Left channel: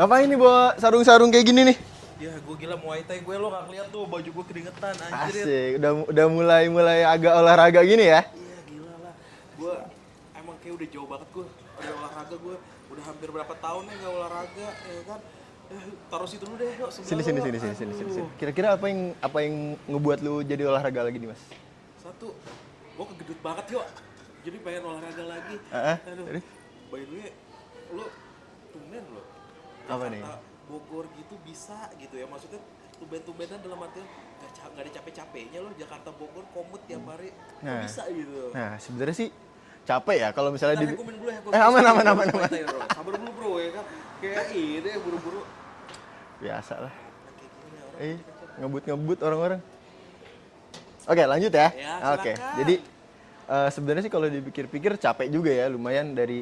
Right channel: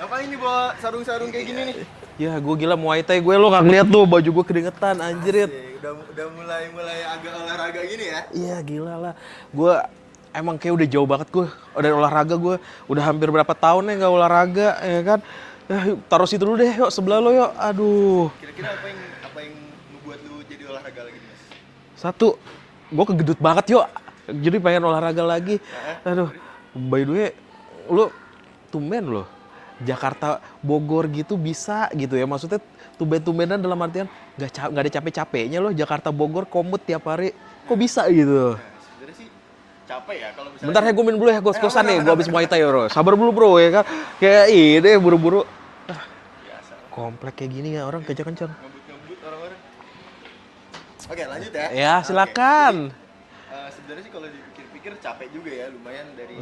Ngapain nih bawa sarung-sarung kayak gini nih? Ya gue gila Muay Thai gue, lo gak ngeliat tuh baju gue keringetan anjir. Asik, udah mulai agak olahraga gini ya? Iya gila lah. Gue emang kayak udah jauh banget gue dari olahraga. Gue udah hampir berapa tahun ya nggak olahraga ya kan. Yuk, taruh situ dulu deh yuk, sebelah lo yuk. Aduh. Kira-kira apa yang ngebuat lu jadi olahraga lagi nih, Mas? Satu, gue kegedut banget yuk. Jadi pengen olahraga lagi. Aduh, by the way, lu tumben loh. Jakarta Bogor gitu bisa gitu ya, maksudnya tumben-tumbenan dalam artian nggak ada capek-capeknya loh. Jakarta Bogor komut tiap hari, kok bisa gitu. Nah, sebenarnya sih capek ya kalau misalnya Bentar ya, gue minum dulu ya, gue kosan nih, aman, gue aman, habis aman. Muay Thai bro. Sabar dulu bro ya kan, kayak ini buru-buru. biasa lah. Komplek kayak gini ya orang kencang-kencang. Ngebut orang-orang. Oke, lanjut ya. Ya Oke, silakan. Jadi sebenarnya sih kalau dipikir-pikir capek juga ya, lumayan dari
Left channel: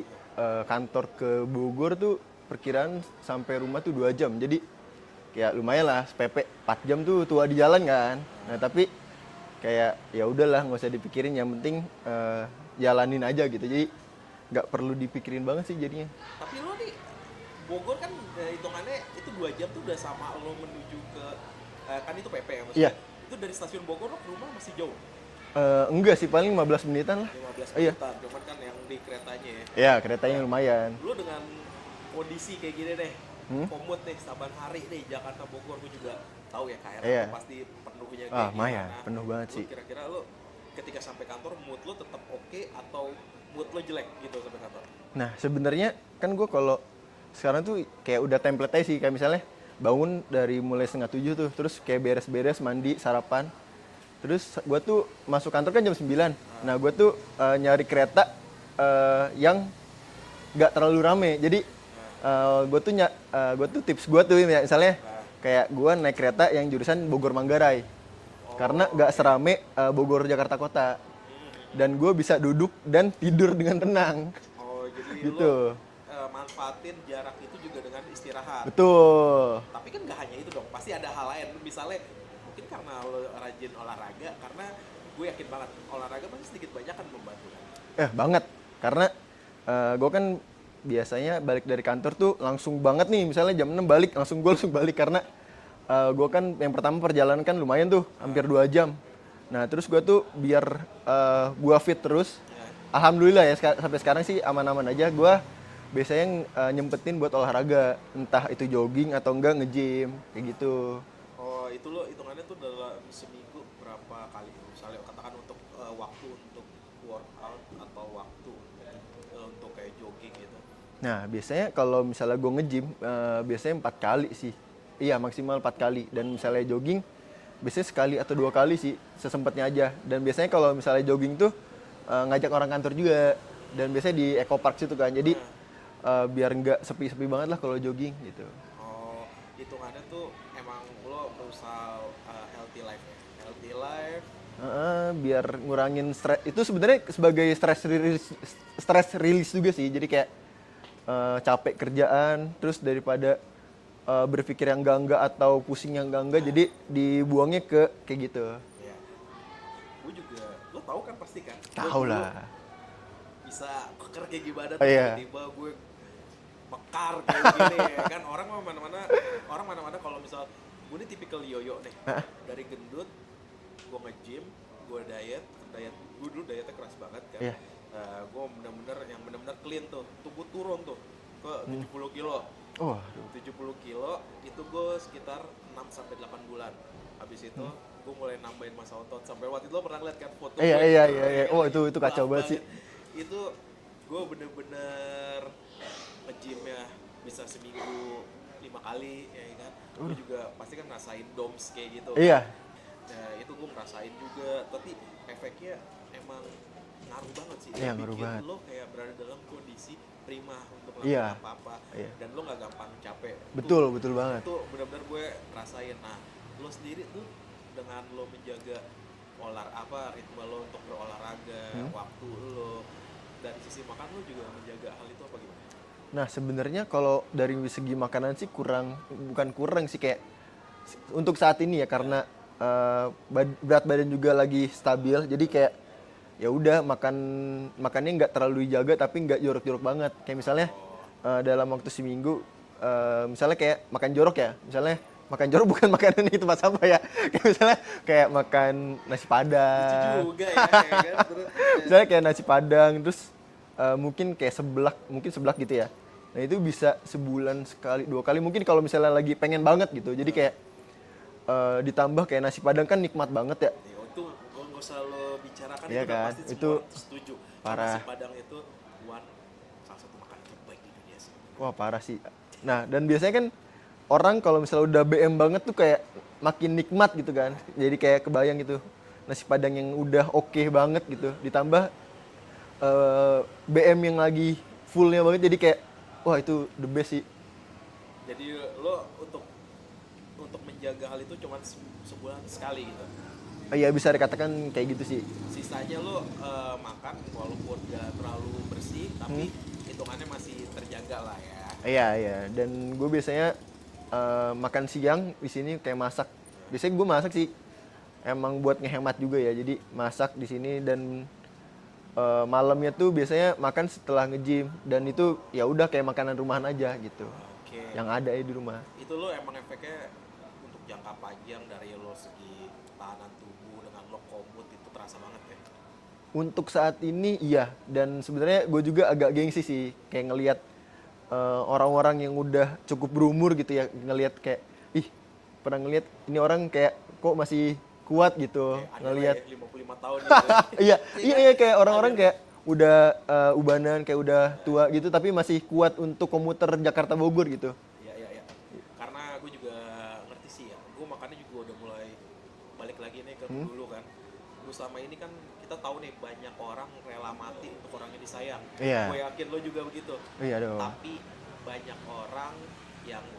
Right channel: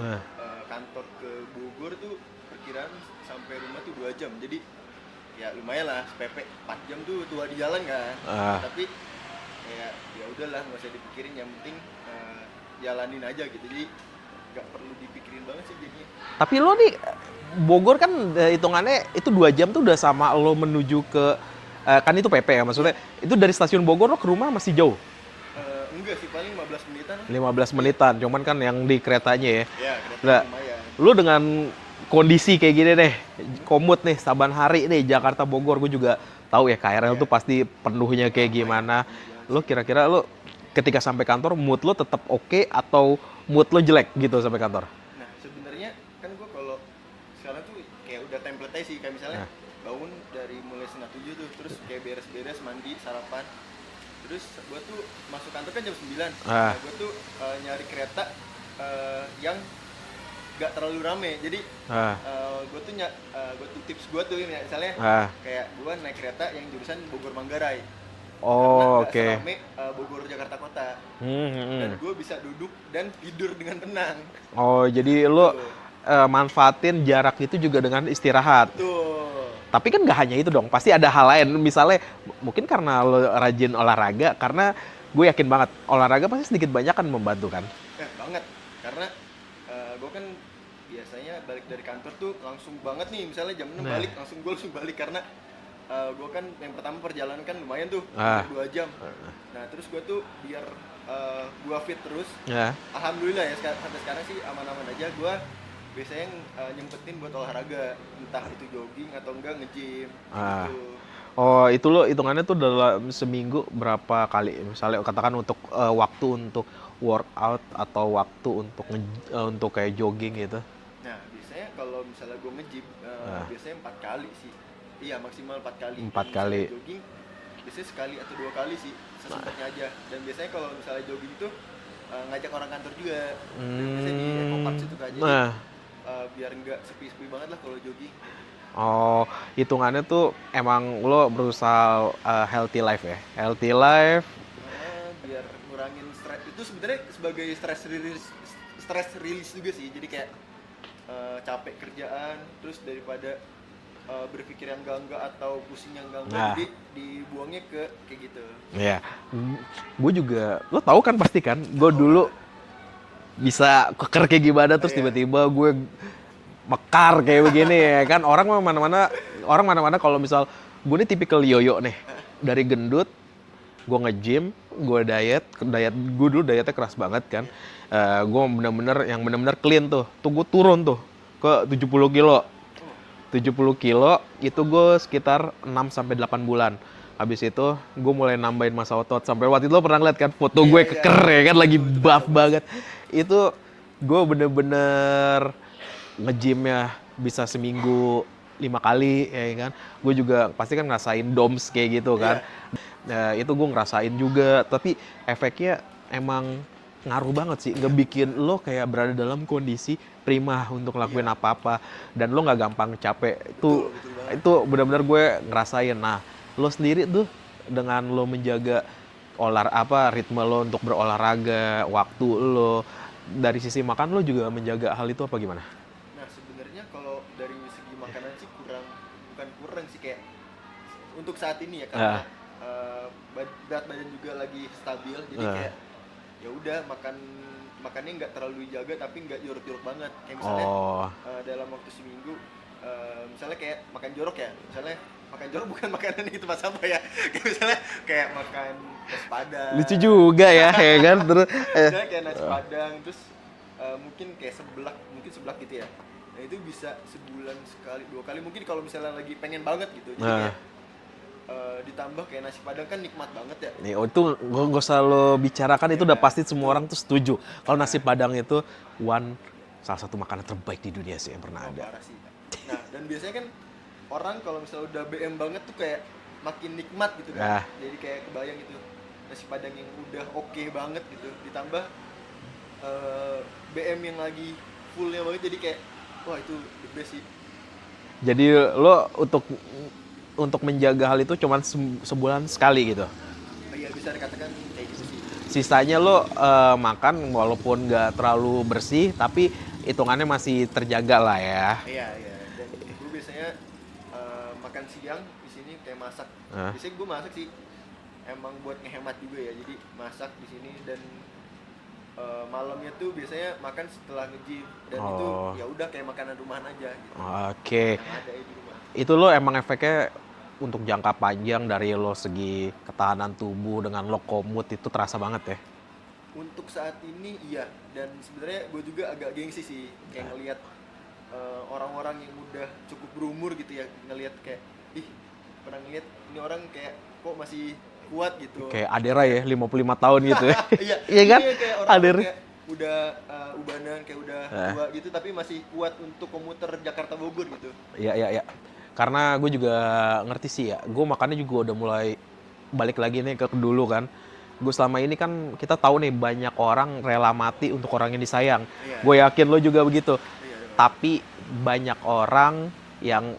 kantor ke Bogor tuh perkiraan sampai rumah tuh 2 jam. Jadi ya lumayan lah, PP 4 jam tuh tua di jalan kan. Nah, tapi kayak ya udahlah nggak usah dipikirin, yang penting jalanin aja gitu. Jadi nggak perlu dipikirin banget sih jadinya. Tapi lo nih Bogor kan hitungannya itu 2 jam tuh udah sama lo menuju ke kan itu PP ya maksudnya. Itu dari stasiun Bogor lo ke rumah masih jauh. Enggak sih, paling 15 menitan lah. 15 menitan, cuman kan yang di keretanya ya. Iya, keretanya lumayan. Lu dengan kondisi kayak gini deh, komut nih, saban hari nih, Jakarta Bogor, gue juga tahu ya KRL tuh pasti penuhnya kayak gimana. Lu kira-kira lu ketika sampai kantor, mood lu tetap oke atau mood lu jelek gitu sampai kantor? Nah, sebenarnya kan gue kalau sekarang tuh kayak udah template aja sih, kayak misalnya bangun dari mulai 6:30 tuh, terus kayak beres-beres, mandi, sarapan. Terus gue tuh masuk kantor kan jam 9. Nah, gue tuh nyari kereta yang nggak terlalu rame. Jadi gue tuh tips gue tuh misalnya kayak gue naik kereta yang jurusan Bogor Manggarai. Karena nggak serame Bogor Jakarta Kota. Dan gue bisa duduk dan tidur dengan tenang. Oh, jadi gitu. lo manfaatin jarak itu juga dengan istirahat. Betul. Tapi kan nggak hanya itu dong, pasti ada hal lain. Misalnya mungkin karena lo rajin olahraga, karena gue yakin banget olahraga pasti sedikit banyak kan membantu kan? Banget. Karena gue kan biasanya balik dari kantor tuh langsung banget nih, misalnya jam 6 balik, langsung balik karena gue kan yang pertama perjalanan kan lumayan tuh, hampir 2 jam. Nah, terus gue tuh biar gue fit terus, alhamdulillah ya sampai sekarang sih aman-aman aja. Gue biasanya nyempetin buat olahraga, entah itu jogging atau enggak nge-gym, kayak gitu. Oh, itu lo hitungannya tuh dalam seminggu berapa kali? Misalnya katakan untuk waktu untuk workout atau waktu untuk kayak jogging gitu. Nah, biasanya kalau misalnya gue nge-gym, biasanya 4 kali sih. Iya, maksimal 4 kali. Dan misalnya jogging, biasanya sekali atau 2 kali sih, sesempatnya aja. Dan biasanya kalau misalnya jogging tuh ngajak orang kantor juga. Dan biasanya di Eco Park situ kan. Jadi biar nggak sepi-sepi banget lah kalau jogging gitu. Oh, hitungannya tuh emang lo berusaha healthy life ya? Healthy life. Biar ngurangin stres. Itu sebenarnya sebagai stress release juga sih. Jadi kayak capek kerjaan, terus daripada berpikir yang enggak atau pusing yang enggak, jadi dibuangnya ke kayak gitu. Iya. Gue juga, lo tahu kan pasti kan, gue dulu bisa keker kayak gimana, terus tiba-tiba gue mekar kayak begini ya kan. Orang mana-mana kalau misal gue nih tipikal yoyo nih, dari gendut, gue nge-gym, gue diet gue dulu dietnya keras banget kan. Gue bener-bener clean tuh gue turun tuh ke 70 kilo. 70 kilo itu gue sekitar 6-8 bulan. Habis itu gue mulai nambahin massa otot. Sampai waktu itu lo pernah ngeliat kan foto gue keker ya kan, lagi buff banget. Itu gue bener-bener nge-gymnya bisa seminggu 5 kali ya kan. Gue juga pasti kan ngerasain DOMS kayak gitu kan. Itu gue ngerasain juga, tapi efeknya emang ngaruh banget sih, ngebikin lo kayak berada dalam kondisi prima untuk ngelakuin apa-apa, dan lo nggak gampang capek. Betul banget. Itu benar-benar gue ngerasain. Nah, lo sendiri tuh dengan lo menjaga ritme lo untuk berolahraga, waktu lo, dari sisi makan lo juga menjaga hal itu apa gimana? Nah, sebenarnya kalau dari segi makanan sih bukan kurang sih, kayak untuk saat ini ya, karena berat badan juga lagi stabil, jadi kayak ya udah makannya nggak terlalu dijaga tapi nggak jorok-jorok banget. Kayak misalnya dalam waktu seminggu misalnya kayak makan jorok ya, misalnya makan jorok bukan makanan di tempat sampah ya, kayak misalnya kayak makan nasi padang. Lucu juga ya, ya kan? Terus Misalnya kayak nasi padang, terus mungkin kayak mungkin seblak gitu ya. Nah itu bisa sebulan sekali, 2 kali mungkin kalau misalnya lagi pengen banget gitu. Jadi kayak ditambah kayak nasi padang kan nikmat banget ya. nih, itu nggak usah lo bicarakan, Iya itu udah kan? pasti semua Itu orang tuh setuju. Kalau nasi Padang itu salah satu makanan terbaik di dunia sih yang pernah wah ada. parah sih. Nah dan biasanya kan orang kalau misalnya udah BM banget tuh kayak makin nikmat gitu kan. Nah. Jadi kayak kebayang gitu nasi padang yang udah oke banget gitu, ditambah BM yang lagi fullnya banget, jadi kayak wah itu the best sih. Jadi lo untuk menjaga hal itu cuman sebulan sekali gitu. Iya bisa dikatakan kayak gitu sih. Sisanya lo makan walaupun nggak terlalu bersih, tapi hitungannya masih terjaga lah ya. Iya iya. Dan gue biasanya makan siang di sini kayak masak. Biasanya gue masak sih, emang buat ngehemat juga ya. Jadi masak di sini dan malamnya tuh biasanya makan setelah nge-gym dan itu ya udah kayak makanan rumahan aja gitu. Oke. Yang ada ya di rumah. Itu lo emang efeknya untuk jangka panjang dari lo segi ketahanan tubuh dengan lo komut itu terasa banget ya. Untuk saat ini iya, dan sebenarnya gue juga agak gengsi sih kayak ngelihat orang-orang yang udah cukup berumur gitu ya, ngelihat kayak ih pernah ngelihat ini orang kayak kok masih kuat gitu. Kayak Adera ya, 55 tahun gitu ya. Iya, Iya kan? iya kayak orang-orang Adera. kayak udah ubanan kayak udah tua gitu tapi masih kuat untuk komuter Jakarta Bogor gitu. Iya, iya, iya. Karena gue juga ngerti sih ya, gue makannya juga udah mulai balik lagi nih ke dulu kan. Gue selama ini kan kita tahu nih banyak orang rela mati untuk orang yang disayang. Iya. Gue yakin lo juga begitu. Iya dong. Tapi banyak orang yang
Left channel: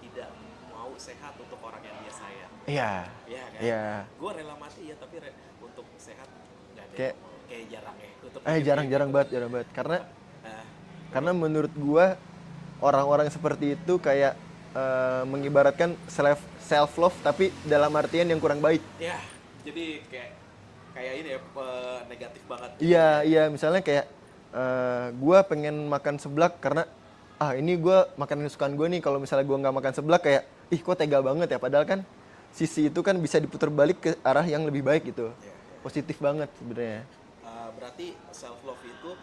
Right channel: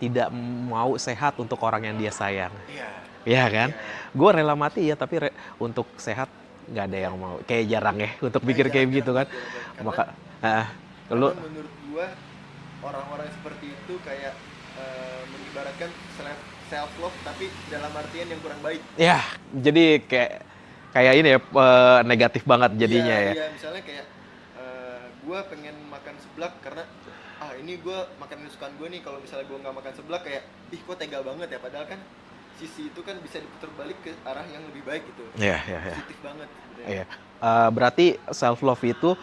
tidak mau sehat untuk orang yang dia sayang. Iya. Iya kan? Iya. Gue rela mati ya, tapi untuk sehat nggak ada yang mau. Kayak jarang ya untuk pikir kayak gitu kan. Jarang banget. Karena, Lu menurut gua orang-orang seperti itu kayak mengibaratkan self love tapi dalam artian yang kurang baik. ya jadi kayak ini ya, negatif banget jadinya Iya, ya. iya, misalnya kayak gua pengen makan seblak karena ini gua makanan kesukaan gue nih, kalau misalnya gua nggak makan seblak kayak ih kok tega banget ya, padahal kan sisi itu kan bisa diputar balik ke arah yang lebih baik gitu. Iya, iya, iya. Positif banget sebenarnya. Iya. Berarti self love itu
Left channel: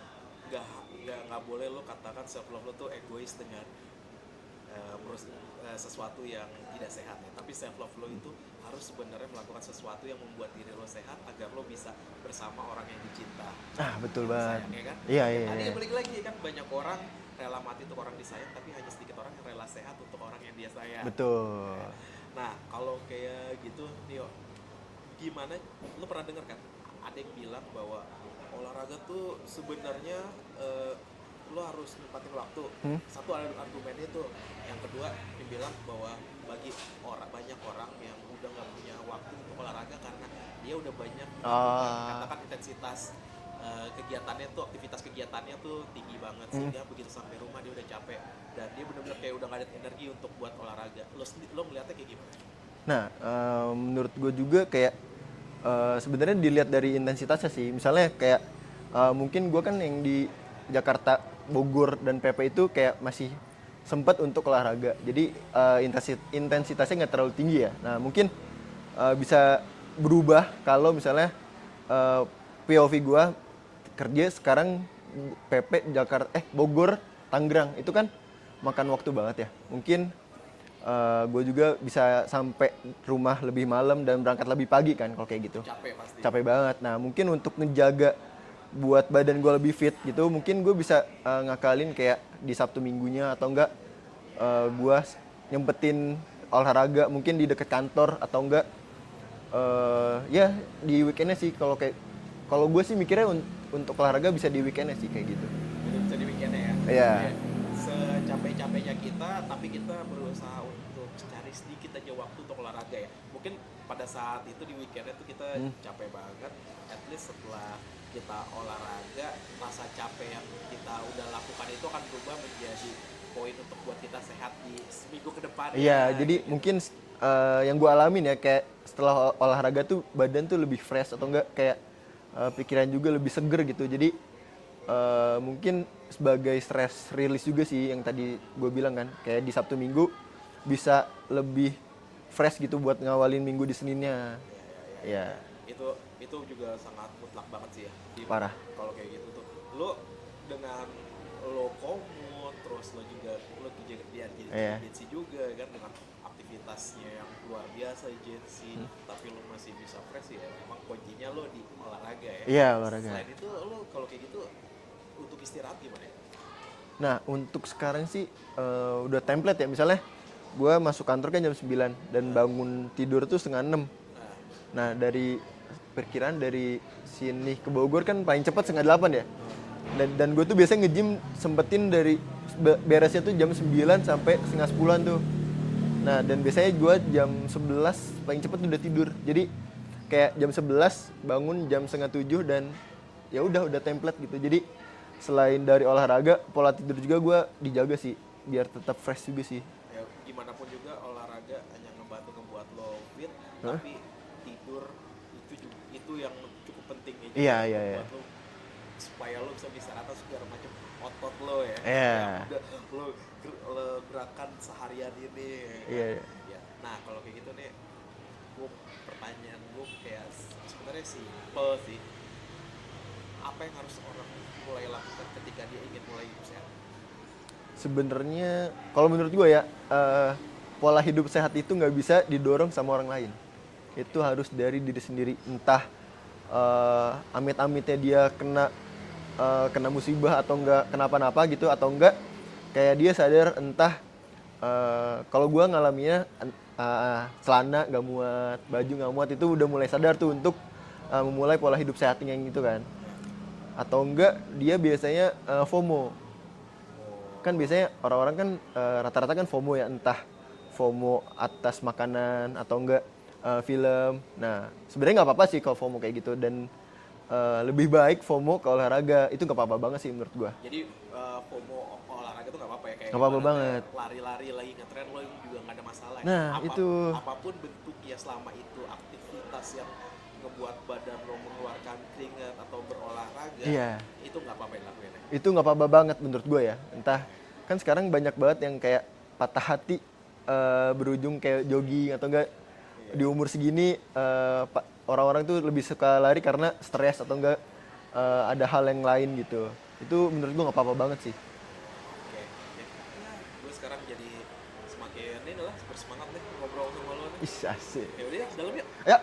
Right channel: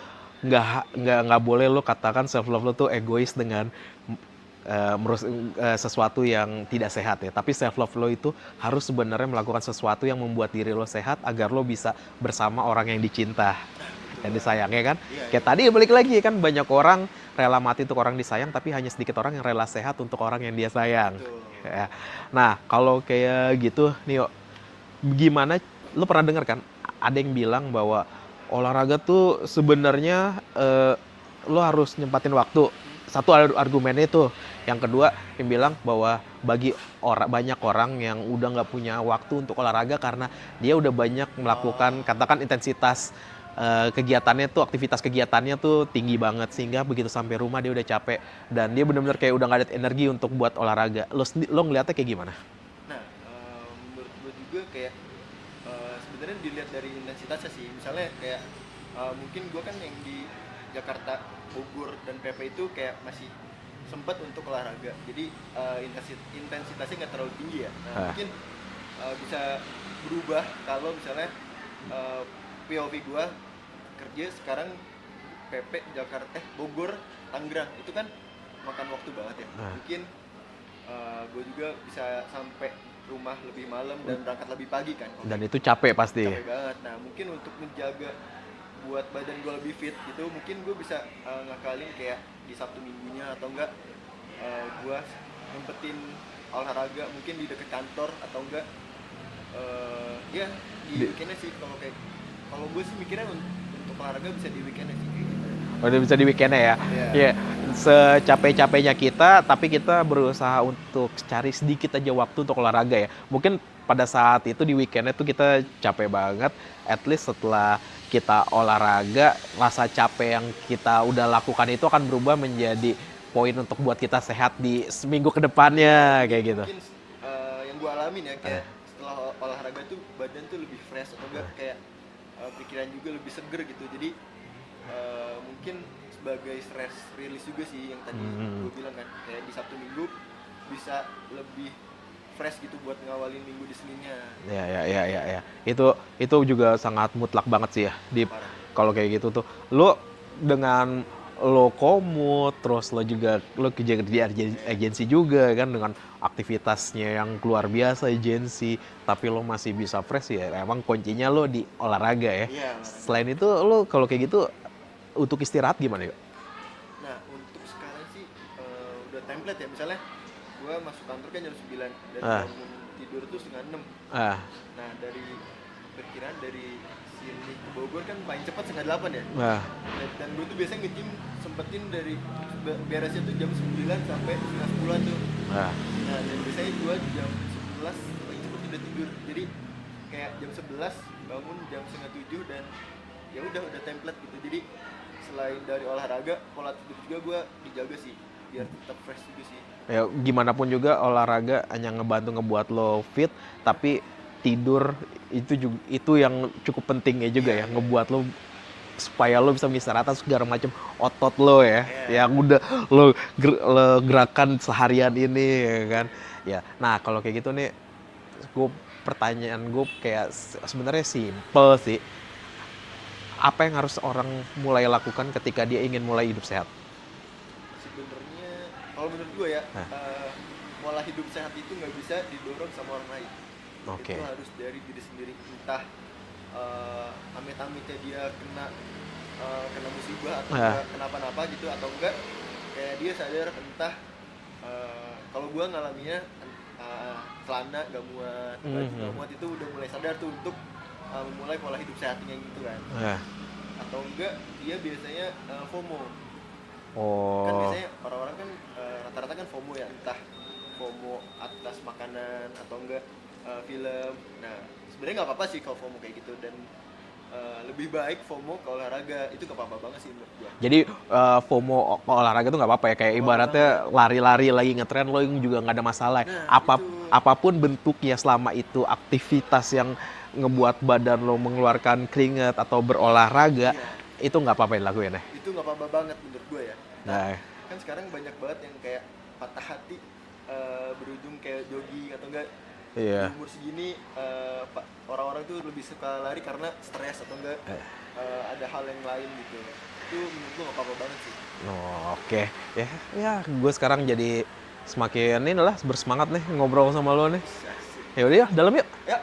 nggak boleh lo katakan self love lo tuh egois dengan sesuatu yang tidak sehat ya. Tapi self love lo itu harus sebenarnya melakukan sesuatu yang membuat diri lo sehat agar lo bisa bersama orang yang dicinta, Betul yang banget. disayang ya kan. Iya, Kayak iya. tadi balik lagi kan, banyak orang rela mati untuk orang disayang, tapi hanya sedikit orang yang rela sehat untuk orang yang dia sayang. Betul. Ya. Nah kalau kayak gitu Nio, gimana, lo pernah dengar kan ada yang bilang bahwa olahraga tuh sebenarnya lo harus nyempatin waktu. Satu argumennya itu. Yang kedua yang bilang bahwa bagi banyak orang yang udah nggak punya waktu untuk olahraga karena dia udah banyak melakukan katakan intensitas kegiatannya tuh, aktivitas kegiatannya tuh tinggi banget sehingga begitu sampai rumah dia udah capek dan dia benar-benar kayak udah nggak ada energi untuk buat olahraga. Lo ngeliatnya kayak gimana? Nah, menurut gue juga kayak sebenarnya dilihat dari intensitasnya sih. Misalnya kayak mungkin gue kan yang di Jakarta, Bogor, dan PP itu kayak masih sempat untuk olahraga. Jadi intensitasnya nggak terlalu tinggi ya. Nah, mungkin bisa berubah kalau misalnya POV gue kerja sekarang PP Jakarta, Bogor, Tangerang. Itu kan makan waktu banget ya. Mungkin gue juga bisa sampai rumah lebih malam dan berangkat lebih pagi kan. Dan itu capek pasti. Capek banget. Nah mungkin untuk menjaga buat badan gue lebih fit gitu, mungkin gue bisa ngakalin kayak di Sabtu Minggunya atau enggak gue nyempetin olahraga mungkin di dekat kantor atau enggak ya di weekendnya sih. Kalau gue sih mikirnya untuk olahraga bisa di weekendnya sih kayak gitu. Udah bisa di weekendnya ya? Iya. Yeah. Secapek-capeknya kita, tapi kita berusaha untuk cari sedikit aja waktu untuk olahraga ya. Mungkin pada saat itu di weekendnya tuh kita capek banget, at least setelah kita olahraga, rasa capek yang kita udah lakukan itu akan berubah menjadi poin untuk buat kita sehat di seminggu ke depannya, Jadi kayak gitu. mungkin yang gue alamin ya, kayak setelah olahraga tuh badan tuh lebih fresh atau enggak kayak pikiran juga lebih seger gitu. Jadi mungkin sebagai stress release juga sih yang tadi gue bilang kan, kayak di Sabtu Minggu bisa lebih fresh gitu buat ngawalin minggu di Seninnya. Ya. Itu juga sangat mutlak banget sih ya di Parah. kalau kayak gitu tuh. Lo dengan lo komut, terus lo juga lo kerja di agensi juga kan dengan aktivitasnya yang luar biasa agensi, tapi lo masih bisa fresh ya. Emang kuncinya lo di olahraga ya. Iya, olahraga. Selain itu lo kalau kayak gitu untuk istirahat gimana yuk? Nah, untuk sekarang sih udah template ya. Misalnya gue masuk kantor kan jam 9 dan bangun tidur tuh setengah 6. Ah, Nah, dari perkiraan dari sini ke Bogor kan paling cepat setengah 8 ya. nah, Dan gue tuh biasanya nge-gym sempetin dari beresnya tuh jam 9 sampai setengah 10-an tuh. nah. Nah, dan biasanya gue jam 11 paling cepet udah tidur. Jadi kayak jam 11 bangun jam setengah 7 dan ya udah template gitu. Jadi selain dari olahraga, pola tidur juga gue dijaga sih biar tetap fresh juga sih. Ya gimana pun juga olahraga hanya ngebantu ngebuat lo fit, tapi tidur itu yang cukup penting ya juga ya, ngebuat lo supaya lo bisa istirahat segala macam otot lo ya, yang udah lo gerakan seharian ini ya kan. Ya, nah kalau kayak gitu nih, pertanyaan gue kayak sebenarnya simple sih. Apa yang harus orang mulai lakukan ketika dia ingin mulai hidup sehat? Sebenarnya kalau menurut gue ya, pola hidup sehat itu nggak bisa didorong sama orang lain. Oke. Itu harus dari diri sendiri. Entah amit-amitnya dia kena musibah atau enggak kenapa-napa gitu, atau enggak kayak dia sadar entah kalau gue ngalaminya celana nggak muat, baju nggak muat, itu udah mulai sadar tuh untuk memulai pola hidup sehat yang gitu kan. Atau enggak dia biasanya FOMO. Kan biasanya orang-orang kan rata-rata kan FOMO ya, entah FOMO atas makanan atau enggak film. Nah, sebenarnya nggak apa-apa sih kalau FOMO kayak gitu, dan lebih baik FOMO ke olahraga. Itu nggak apa-apa banget sih menurut gua. Jadi FOMO olahraga tuh nggak apa-apa ya, kayak Nggak apa-apa ibaratnya lari-lari lagi ngetren lo juga nggak ada masalah. Nah, itu. Apapun bentuknya selama itu aktivitas yang ngebuat badan lo mengeluarkan keringat atau berolahraga, itu nggak apa-apa dilakuin ya? Itu nggak apa-apa banget menurut gue ya. Entah, Nah. kan sekarang banyak banget yang kayak patah hati berujung kayak jogging atau enggak di umur segini orang-orang tuh lebih suka lari karena stres atau enggak ada hal yang lain gitu. Itu menurut gue nggak apa-apa banget sih. Oke. Ya gue sekarang jadi semakin ini lah bersemangat nih ngobrol sama lo nih. Asik. Ya udah ya, dalam yuk. Ya.